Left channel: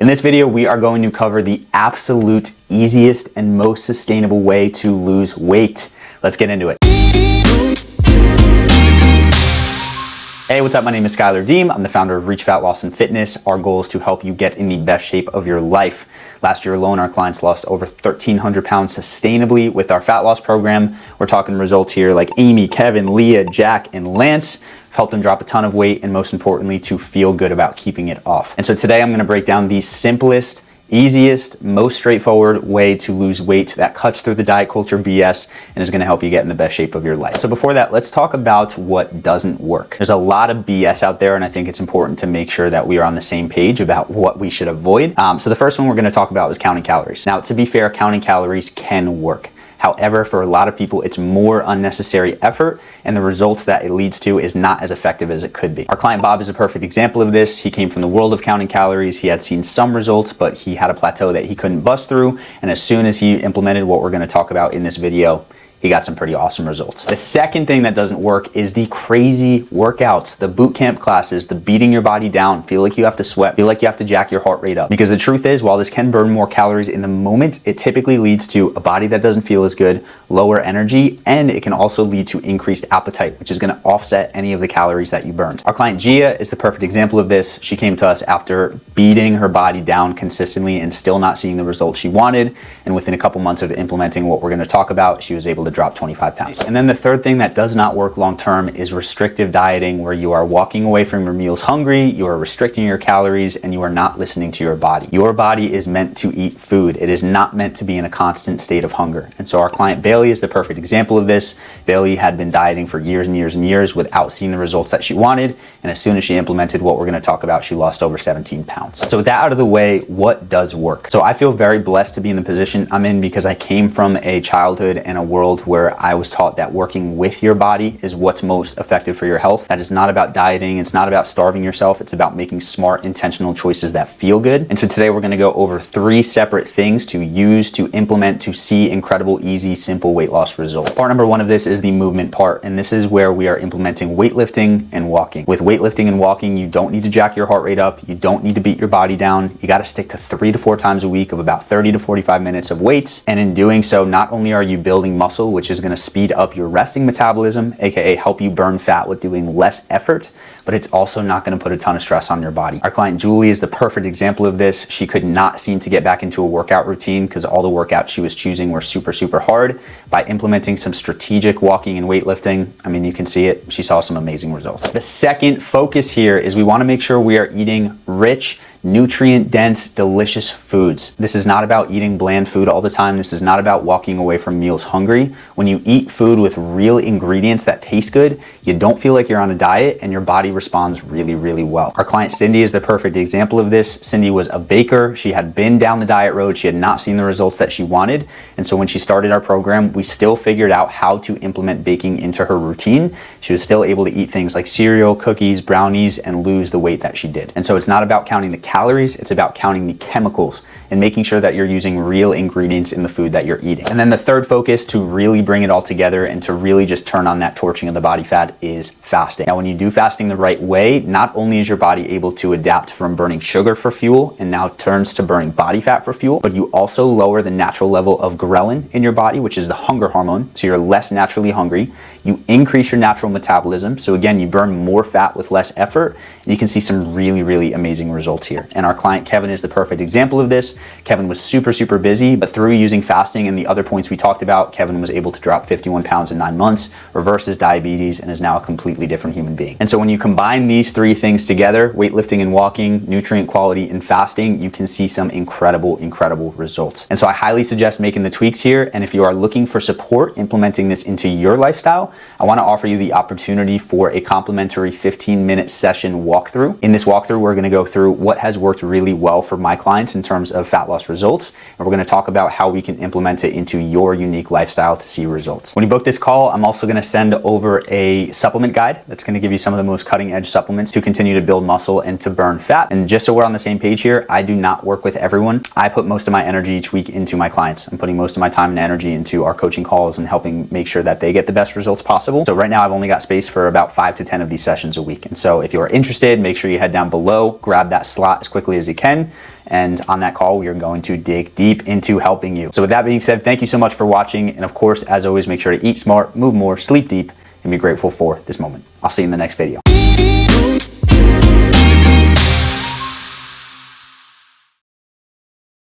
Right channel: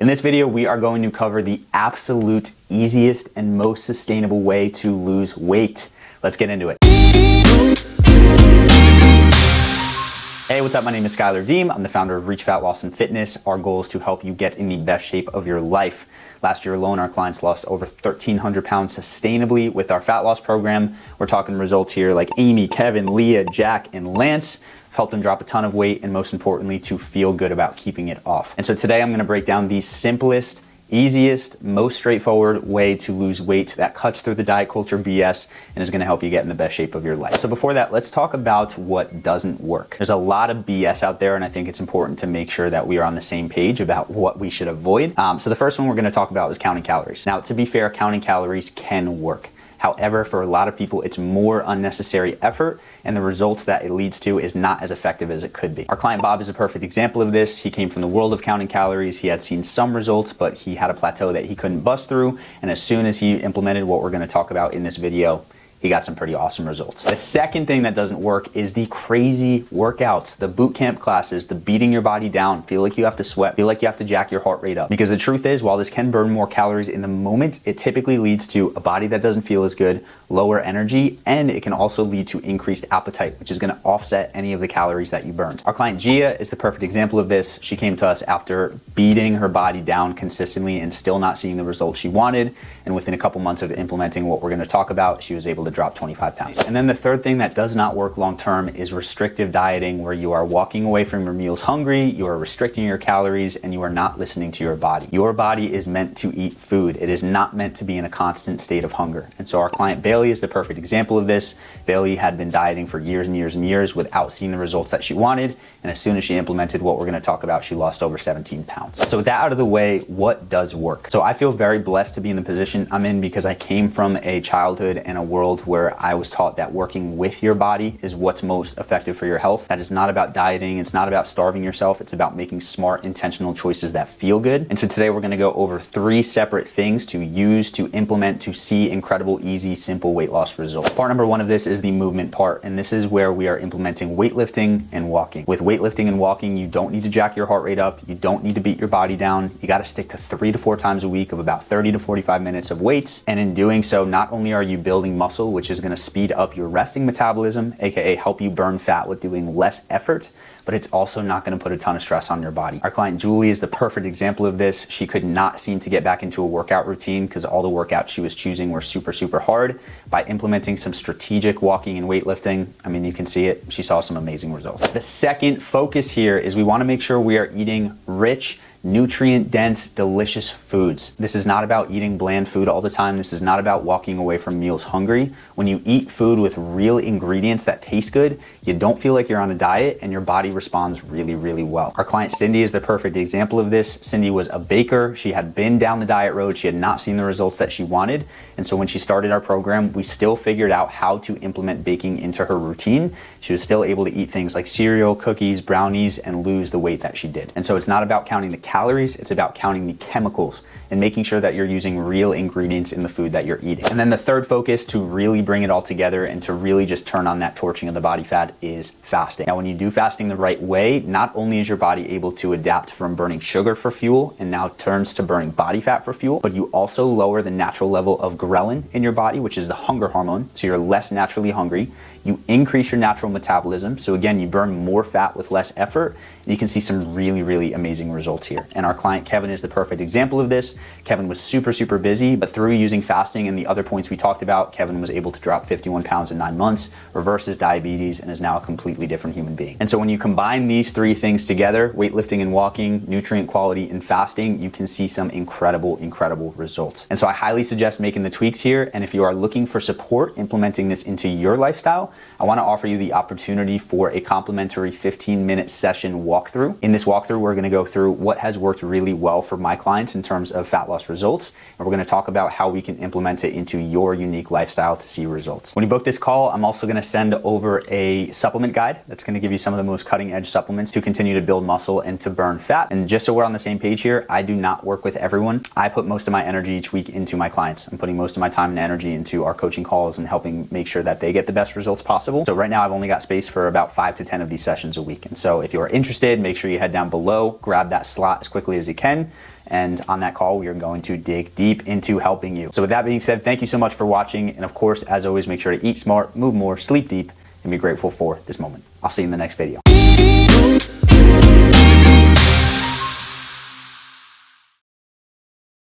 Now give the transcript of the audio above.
In this video, we are going to cover the absolute easiest and most sustainable way to lose weight. Let's get into it. Hey, what's up? My name is Schuyler. I'm the founder of Reach Fat Loss and Fitness. Our goal is to help you get in the best shape of your life. Last year alone, our clients lost over 1,300 pounds sustainably with our fat loss program. We're talking results here like Amy, Kevin, Leah, Jack, and Lance. Helped them drop a ton of weight and most importantly, to feel good about keeping it off. And so today I'm gonna break down the simplest, easiest, most straightforward way to lose weight that cuts through the diet culture BS and is gonna help you get in the best shape of your life. So before that, let's talk about what doesn't work. There's a lot of BS out there and I think it's important to make sure that we are on the same page about what we should avoid. So the first one we're gonna talk about is counting calories. Now, to be fair, counting calories can work. However, for a lot of people, it's more unnecessary effort and the results that it leads to is not as effective as it could be. Our client Bob is a perfect example of this. He came from the world of counting calories. He had seen some results, but he had a plateau that he couldn't bust through. And as soon as he implemented what we're gonna talk about in this video, he got some pretty awesome results. The second thing that doesn't work is the crazy workouts, the boot camp classes, the beating your body down, feel like you have to sweat, feel like you have to jack your heart rate up. Because the truth is, while this can burn more calories in the moment, it typically leads to a body that doesn't feel as good, lower energy, and it can also lead to increased appetite, which is gonna offset any of the calories that you burned. Our client Gia is the perfect example of this. She came to us after beating her body down consistently and still not seeing the results she wanted. And within a couple months of implementing what we're gonna talk about, she was able to drop 25 pounds. And then the third thing that does not work long-term is restrictive dieting, where you are walking away from your meals hungry, you are restricting your calories, and you are not listening to your body. Your body is meant to eat food. It is not meant to be in a constant state of hunger. And so our client Bailey is the perfect example of this. Bailey had been dieting for years and years and years without seeing the results that she wanted. And as soon as she implemented what we're gonna talk about, she lost over 17 pounds. So with that out of the way, what does work? So I feel very blessed to be in the position I'm in because I came from a childhood and a world where I was taught that working with your body is what's most effective for your health. That is not about dieting. It's not about starving yourself. It's about making smart, intentional choices that feel good. And so today we're gonna go over 3 separate things to use, to implement, to see incredible, easy, simple weight loss results. Part number 1 of this is the movement part. And this is where we are implementing weightlifting and walking. With weightlifting and walking, you don't need to jack your heart rate up. You don't need to beat your body down. You gotta stick to 3 to 4 times a week of about 30 to 45 minutes of weights. And in doing so, not only are you building muscle, which is gonna speed up your resting metabolism, aka help you burn fat with doing less effort, but it's also not gonna put a ton of stress on your body. Our client Julie is the perfect example of this. She could not seem to get back into a workout routine because all the workouts she was choosing were super, super hard. By implementing some strategic walking and weightlifting, I mean, you can see it, she saw some amazing results. The second focus here is we wanna make sure we are eating rich, nutrient-dense, delicious foods. This is not about eating bland food all the time. This is not about walking away from meals hungry. When you eat food with real ingredients that taste good, you don't feel like you're on a diet and your body responds really, really well. Our client Cindy is the perfect example of this. Cindy was a baker. She had been down the diet road. She had not seen the results that she wanted. And so when she started our program, we still figured out how to implement baking into her routine. She was still able to eat things like cereal, cookies, brownies, and lose the weight that she did. And so it's not about counting the calories, it's about counting the chemicals and making sure that you're using real ingredients in the food that you're eating. And then the third focus to really bring it all together and to really just turn on that torching of the body fat is fasting. Now, when you do fasting the right way, not only is your body able to adapt from burning sugar for fuel and now turns to burning body fat for fuel, but you also lower the natural level of ghrelin in your body, which is the hunger hormone, so you're less naturally hungry. You increase your natural metabolism. So again, you burn more fat with less effort. And you can see some really, really amazing results here. And our client Kevin is the perfect example of this. Kevin was super, super busy, but through using fasting and the other points we talked about, Kevin was able to drop 51 pounds in 9 months, reverse his diabetes, and is now a completely different human being. And so when you combine these 3 things together, weightlifting and walking, nutrient quality and fasting, you can see some incredible, incredible results. And so I highly suggest making the tweaks here. And if you are looking for support implementing this into your lifestyle, I want to offer you the opportunity for a complimentary 15-minute session walkthrough. In this walkthrough, we're going to go through what has worked really well for my clients in terms of fat loss results. And we're going to talk about how we can implement it into your unique lifestyle to see results. When you book this call, I'm also going to send over a supplement guide that's going to give you some of the most cutting edge supplements to continue to build muscle and to burn fat. And just so we're on the same page here, I do not work with everyone. I put most of my energy each week into my clients. I'm putting most of my time and energy into our coaching calls and helping make sure that they get the best results possible. So right now I've only got space for about 5 to 10 of these sessions a week. And so if you're interested, make sure you head down below, grab that slot as quickly as you can. And on that call, we are going to dig deep into helping you. So with that being said, thank you so much for watching. And of course, as always, make sure to eat smart, move more, sleep deep, and be grateful for this moment. I'll see you in the next video.